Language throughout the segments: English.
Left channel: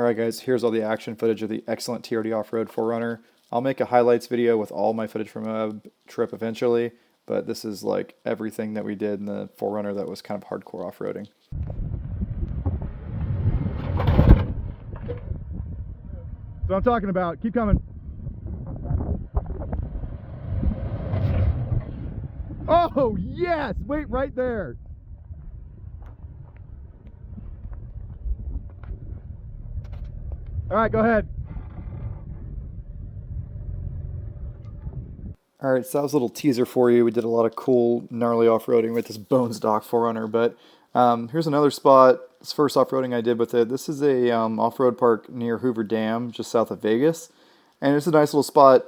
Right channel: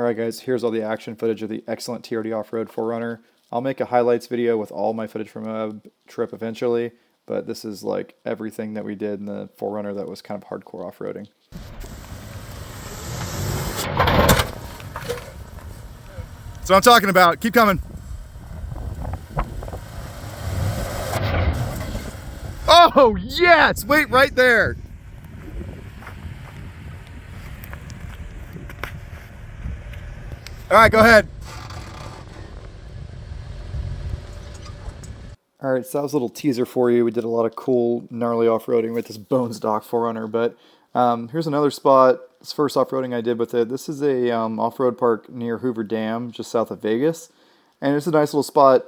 Alright guys, here's all the action footage of the excellent TRD Off-Road 4runner. I'll make a highlights video with all my footage from a trip eventually, but this is like everything that we did in the 4runner that was kind of hardcore off-roading. That's what I'm talking about. Keep coming. Oh, yes! Wait right there. All right, go ahead. All right, so that was a little teaser for you. We did a lot of cool, gnarly off-roading with this bone stock 4runner, but here's another spot. It's first off-roading I did with it. This is a off-road park near Hoover Dam, just south of Vegas. And it's a nice little spot,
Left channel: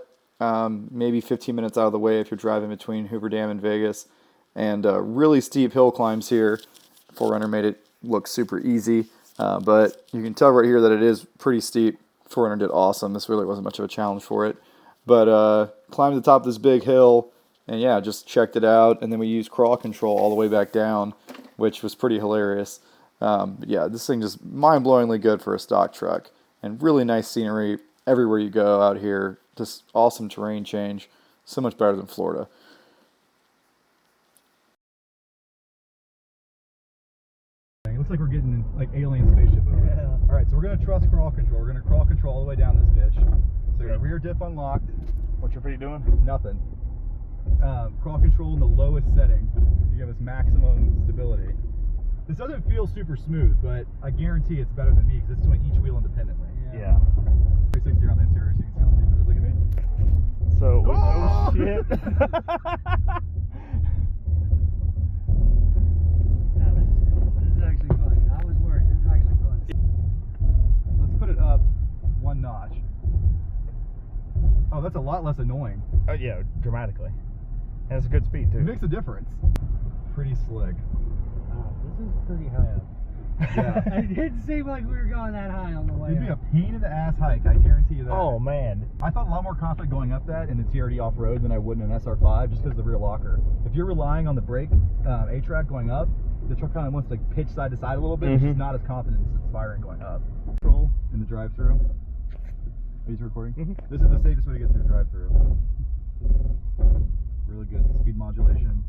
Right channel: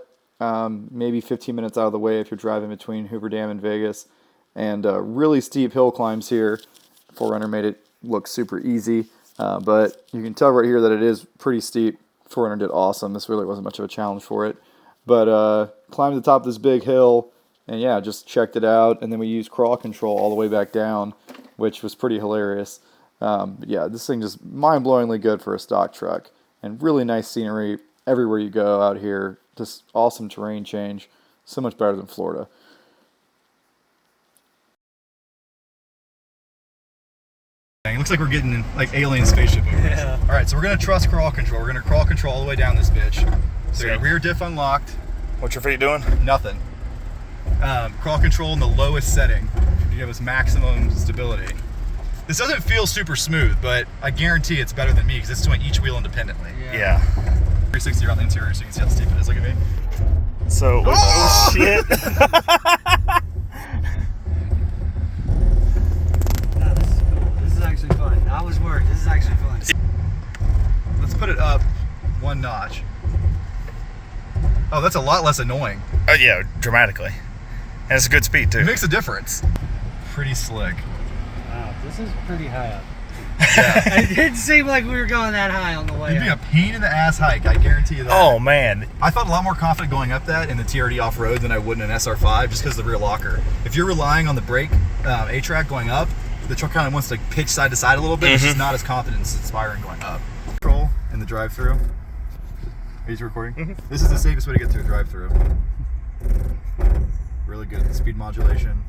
maybe 15 minutes out of the way if you're driving between Hoover Dam and Vegas. And really steep hill climbs here. 4runner made it look super easy. But you can tell right here that it is pretty steep. 4runner did awesome. This really wasn't much of a challenge for it. But climbed the top of this big hill, and yeah, just checked it out. And then we used crawl control all the way back down, which was pretty hilarious. But yeah, this thing just mind-blowingly good for a stock truck. And really nice scenery everywhere you go out here. Just awesome terrain change. So much better than Florida. It looks like we're getting in, like alien spaceship over this. Yeah. All right, so we're gonna trust crawl control. We're gonna crawl control all the way down this bitch. So your rear diff unlocked. What's your feet doing? Nothing. Crawl control in the lowest setting to give us maximum stability. This doesn't feel super smooth, but I guarantee it's better than me because it's doing each wheel independently. Yeah. 360 around the interior so you can see how steep it is. Look at me. So, oh shit. Actually fun. I was worried. This is actually fun. Let's put it up one notch. Oh, that's a lot less annoying. Oh yeah, dramatically. And it's a good speed too. It makes a difference. Pretty slick. Wow, this is pretty high up. Yeah. It didn't seem like we were going that high on the way It'd be up. a pain in the ass hike, I guarantee you that. Oh man. I felt a lot more confident going up that in the TRD off-road than I would in an SR5 just because of the rear locker. If you're relying on the brake A-track going up, the truck kind of wants to pitch side to side a little bit. It's just not as confidence-inspiring going up. Control in the drive-through. Are you recording? This is the safest way to get through a drive-through. Really good speed modulation.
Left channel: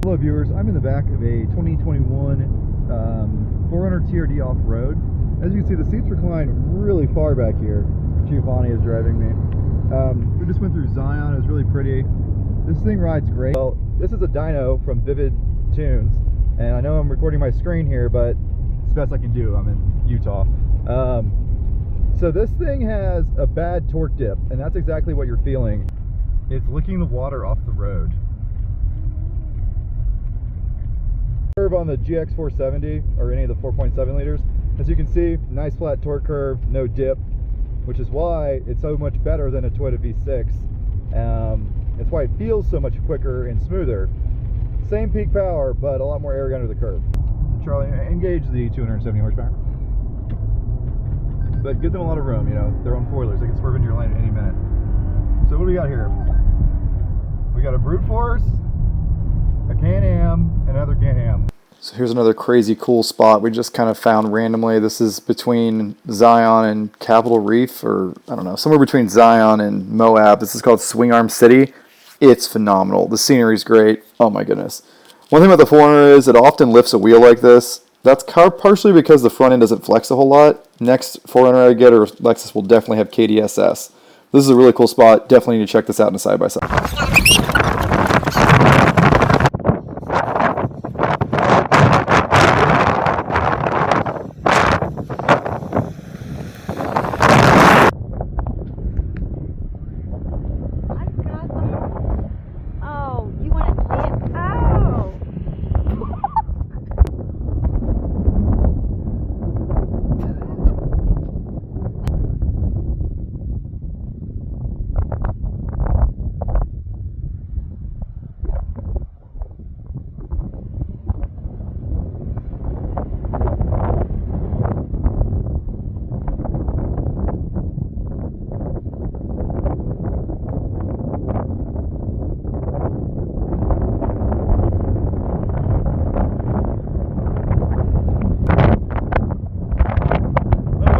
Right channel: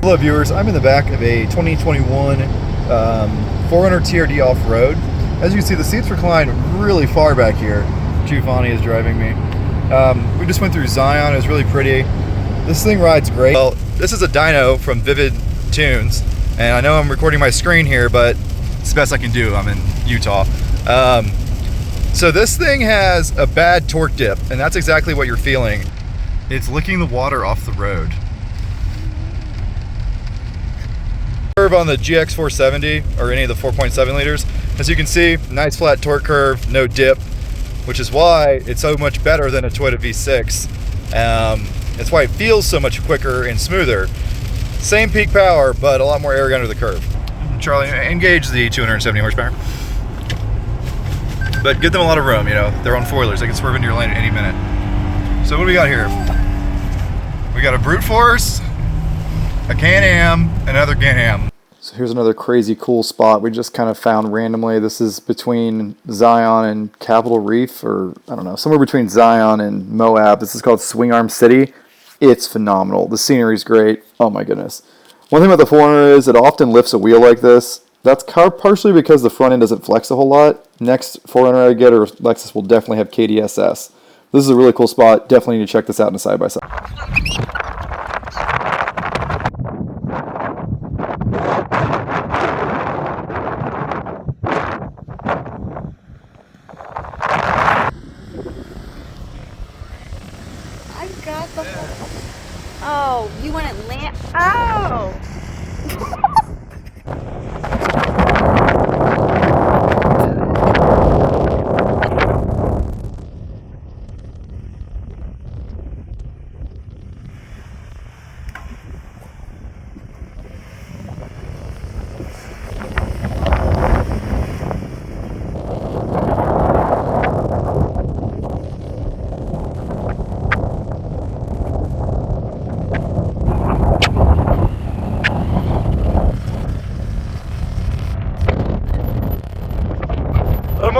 Hello viewers, I'm in the back of a 2021 4runner TRD off-road. As you can see, the seats recline really far back here. Giovanni is driving me. We just went through Zion. It was really pretty. This thing rides great. Well, this is a dyno from Vivid Tunes. And I know I'm recording my screen here, but it's the best I can do. I'm in Utah. So this thing has a bad torque dip, and that's exactly what you're feeling. It's licking the water off the road. Curve on the GX470 or any of the 4.7 liters. As you can see, nice flat torque curve, no dip, which is why it's so much better than a Toyota V6. That's why it feels so much quicker and smoother. Same peak power, but a lot more air under the curve. Charlie, engage the 270 horsepower. But give them a lot of room, you know. They're on foilers. They can swerve into your lane at any minute. So what do we got here? We got a brute force, a Can-Am, another Can-Am. So here's another crazy cool spot we just kind of found randomly. This is between Zion and Capitol Reef, or I don't know, somewhere between Zion and Moab. This is called Swing Arm City. It's phenomenal. The scenery's great. Oh my goodness. One thing about the 4runner is it often lifts a wheel like this. That's partially because the front end doesn't flex a whole lot. Next 4runner I get, or Lexus, will definitely have KDSS. This is a really cool spot. Definitely need to check this out in a side-by-side. Oh, you want to land? Oh!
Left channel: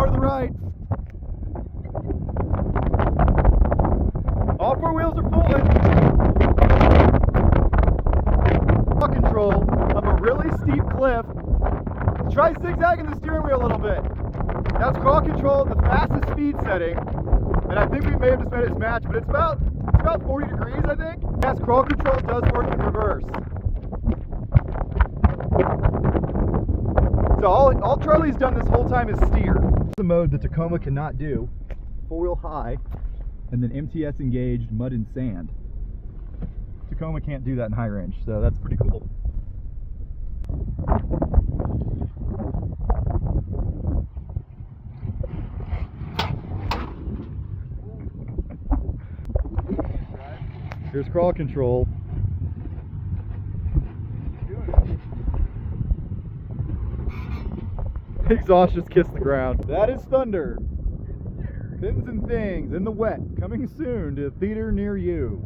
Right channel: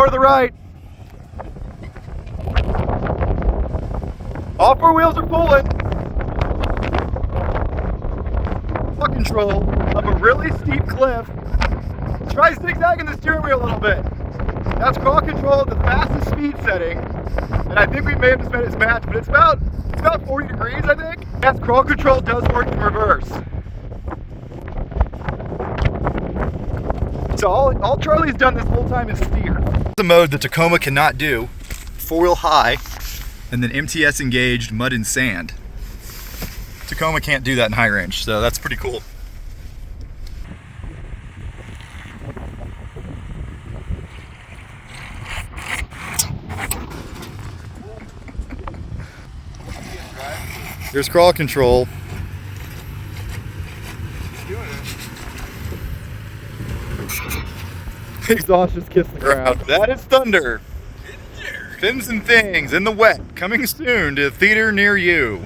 more to the right. All four wheels are pulling. Control up a really steep cliff. Try zigzagging the steering wheel a little bit. That's crawl control at the fastest speed setting. And I think we may have just made it match, but it's about 40 degrees, I think. Yes, crawl control does work in reverse. So all Charlie's done this whole time is steer. The mode that Tacoma cannot do. Four-wheel high, and then MTS engaged mud and sand. Tacoma can't do that in high range, so that's pretty cool. There's crawl control. Exhaust just kissed the ground. That is Thunder. Fins and Things in the Wet, coming soon to a theater near you.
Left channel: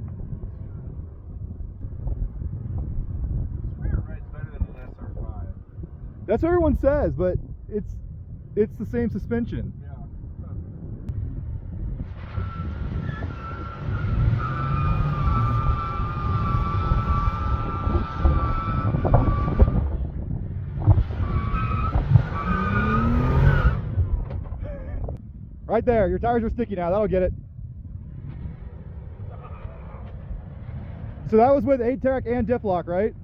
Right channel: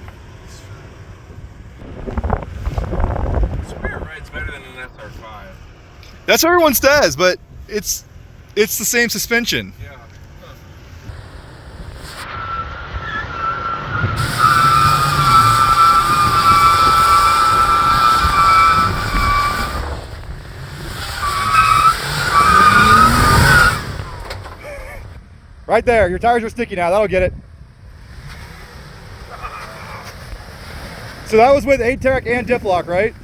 Spirit Ride's better than an SR5. That's what everyone says, but it's the same suspension. Yeah. Right there, your tires are sticky now, that'll get it. So that was with 8-track and diff lock, right?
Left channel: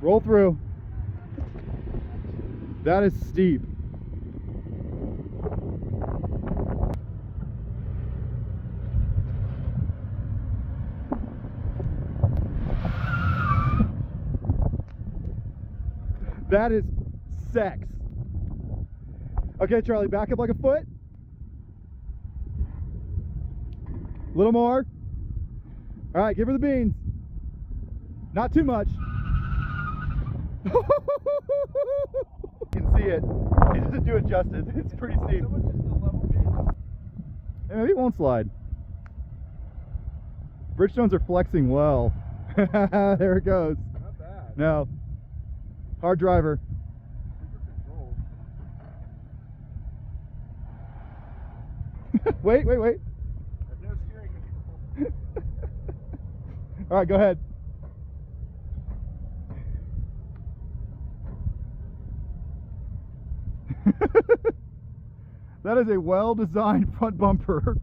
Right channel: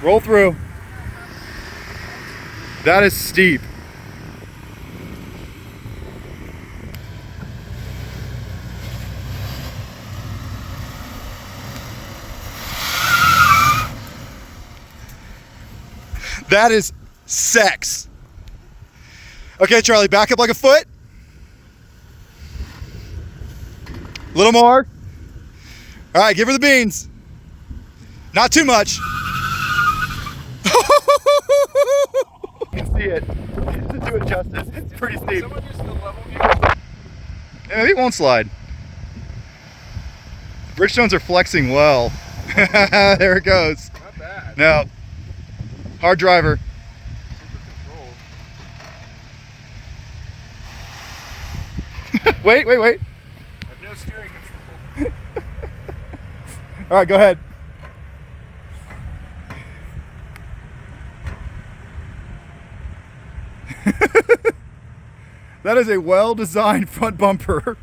Roll through. That is steep. That is sex. Okay, Charlie, back up like a foot. A little more. All right, give her the beans. Not too much. You can see it. It doesn't do it justice. It's pretty steep. Someone just the level view. Yeah, it won't slide. Bridgestones are flexing well. There it goes. Not bad. No. Hard driver. Super control. Wait. I have no steering control. All right, go ahead. That is a well-designed front bumper.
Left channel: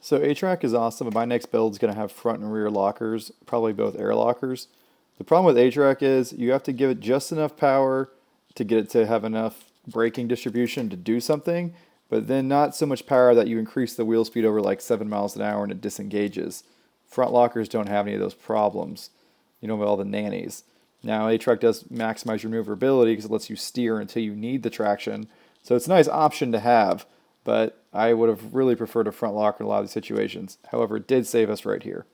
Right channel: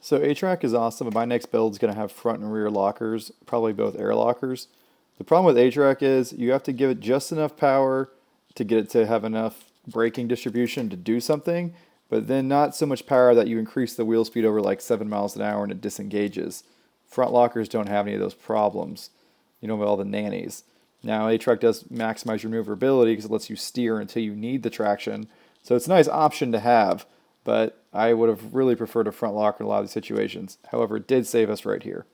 So A-Track is awesome, but my next build is going to have front and rear lockers, probably both air lockers. The problem with A-Track is you have to give it just enough power to get it to have enough braking distribution to do something, but then not so much power that you increase the wheel speed over like 7 miles an hour and it disengages. Front lockers don't have any of those problems, you know, with all the nannies. Now A-Track does maximize your maneuverability because it lets you steer until you need the traction. So it's a nice option to have, but I would have really preferred a front locker in a lot of these situations. However, it did save us right here.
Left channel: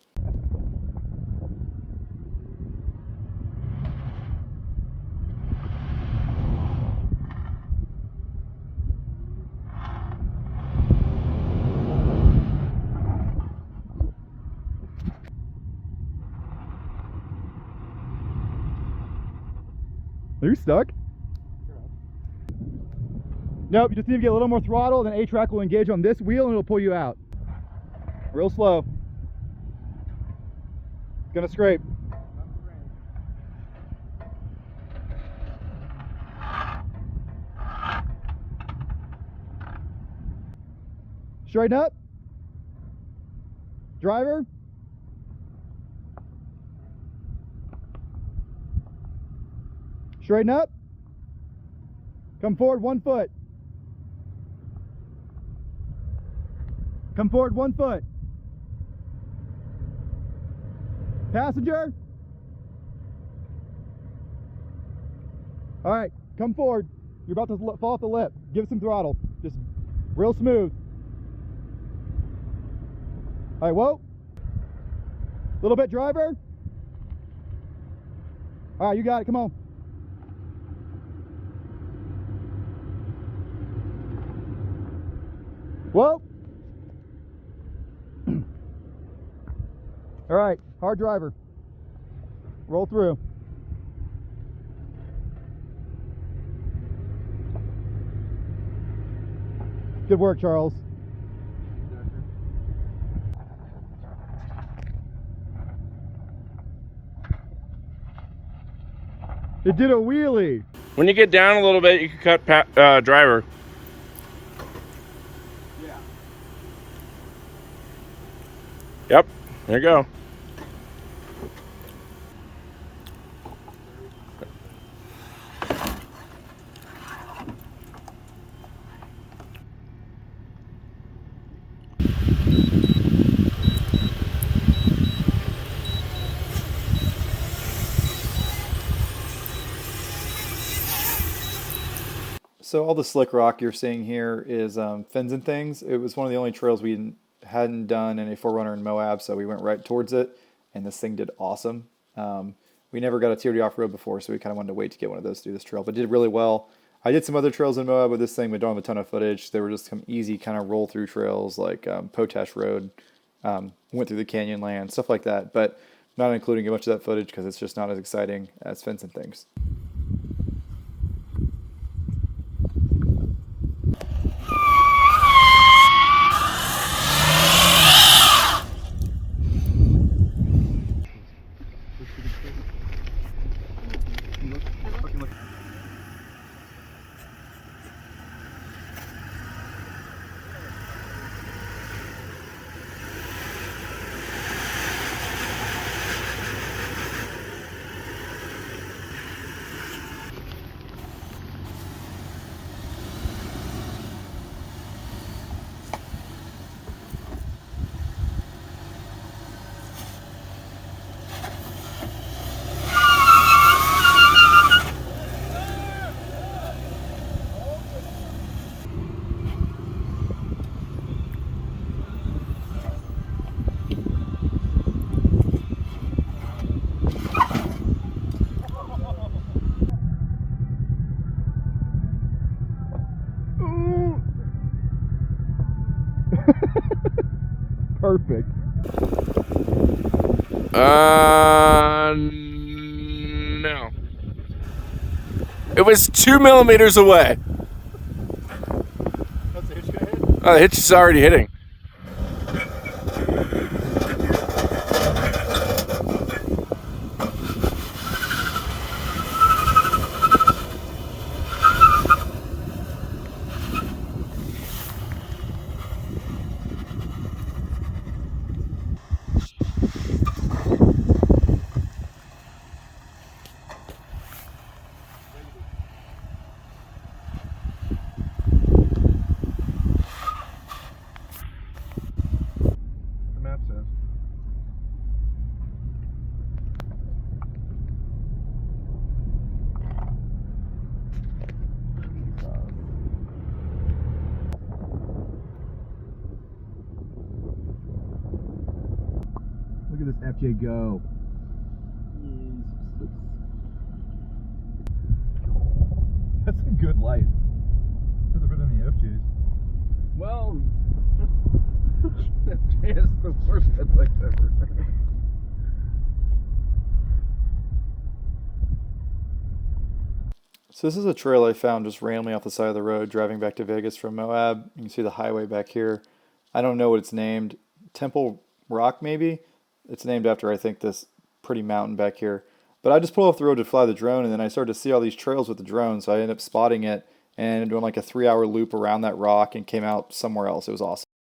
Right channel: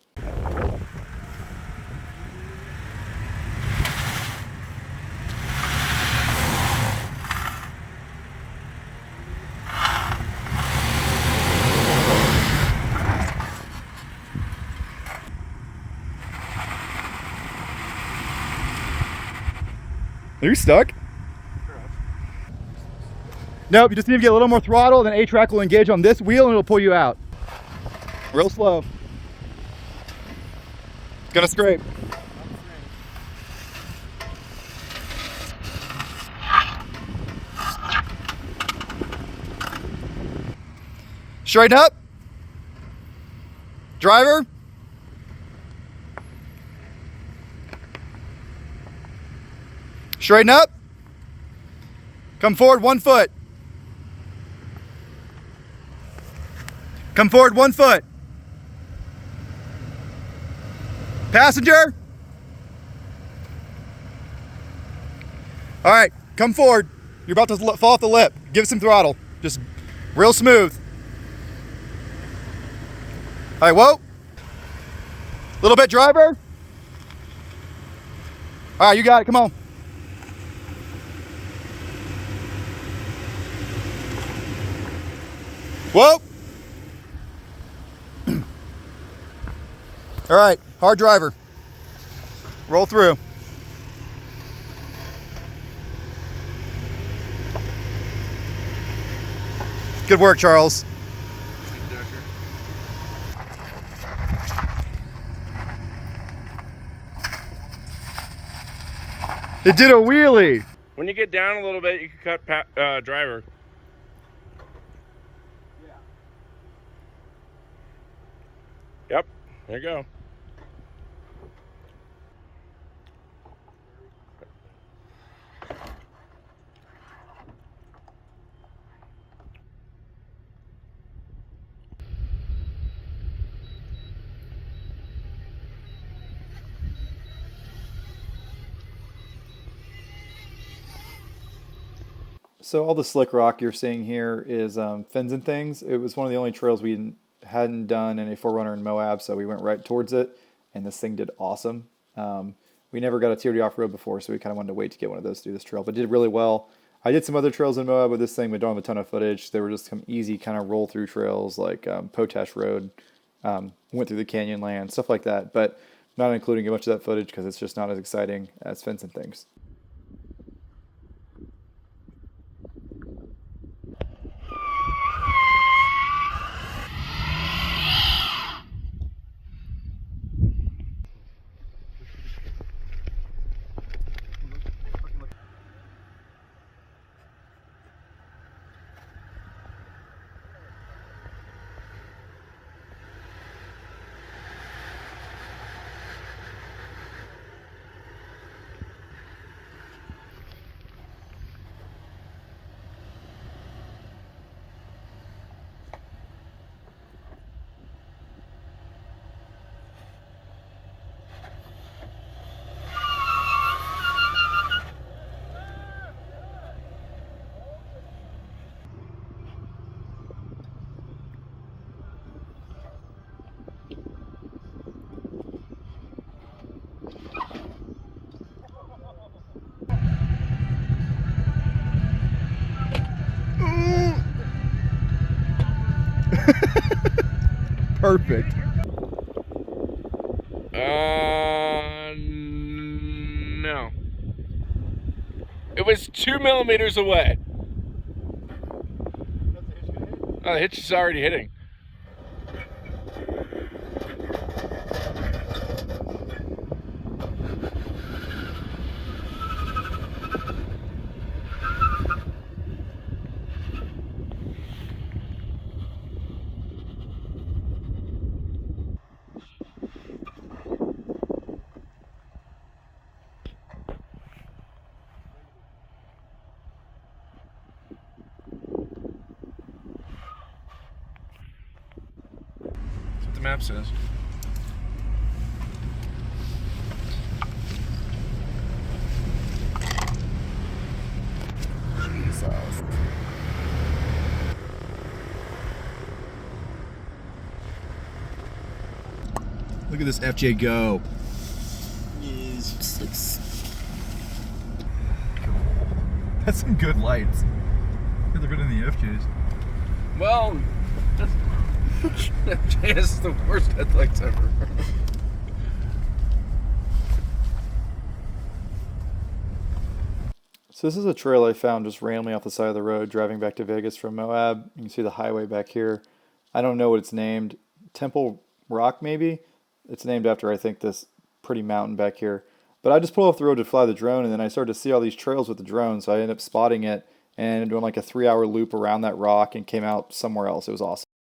Are you stuck? Nope, you just need to get a little more throttle, then A-Track will engage on this wheel and it'll pull you out. Real slow. It's gonna scrape. Straighten up. Driver. Straighten up. Come forward 1 foot. Come forward 1 foot. Passenger. All right, come forward. You're about to fall off the lip. Give it some throttle. Just real smooth. All right, whoa. Little bit, driver. All right, you got it, come on. Whoa. All right, hard driver. Roll through. Good work, Charles. It did a wheelie. When you get down a little bit, you can cut driver. Yep, there you go. So all the slick rock you're seeing here is fins and things. It was one of the only trails we hadn't done in a 4runner in Moab, so we went right towards it, and this thing did awesome. We never got a TRD off-road before, so we kind of wanted to wait to get one of those to do this trail, but did really well. I did some other trails in Moab with this thing, but don't have a ton of footage. They were just some easy kind of roll-through trails like Potash Road, went through the canyon land, stuff like that, but not including much of that footage because it's just not as exciting as fins and things. Perfect. No. It was 2 millimeters away. Oh, the hitch is already hitting. That's what the map says. Look at this FJ go. That's some good lights. They're better than the FJs. Well, it's the worst headlights ever. So this is a trail I found just randomly off the side of the road driving back to Vegas from Moab. You can see the highway back here. I don't know what it's named. Temple Rock maybe? It's named after, I think, this pretty mountain back here. But I just pulled off the road to fly the drone, and then I started to see all these trails with the drone, so I ended up spotting it and doing like a 3-hour loop around that rock and came out somewhere else. It was awesome.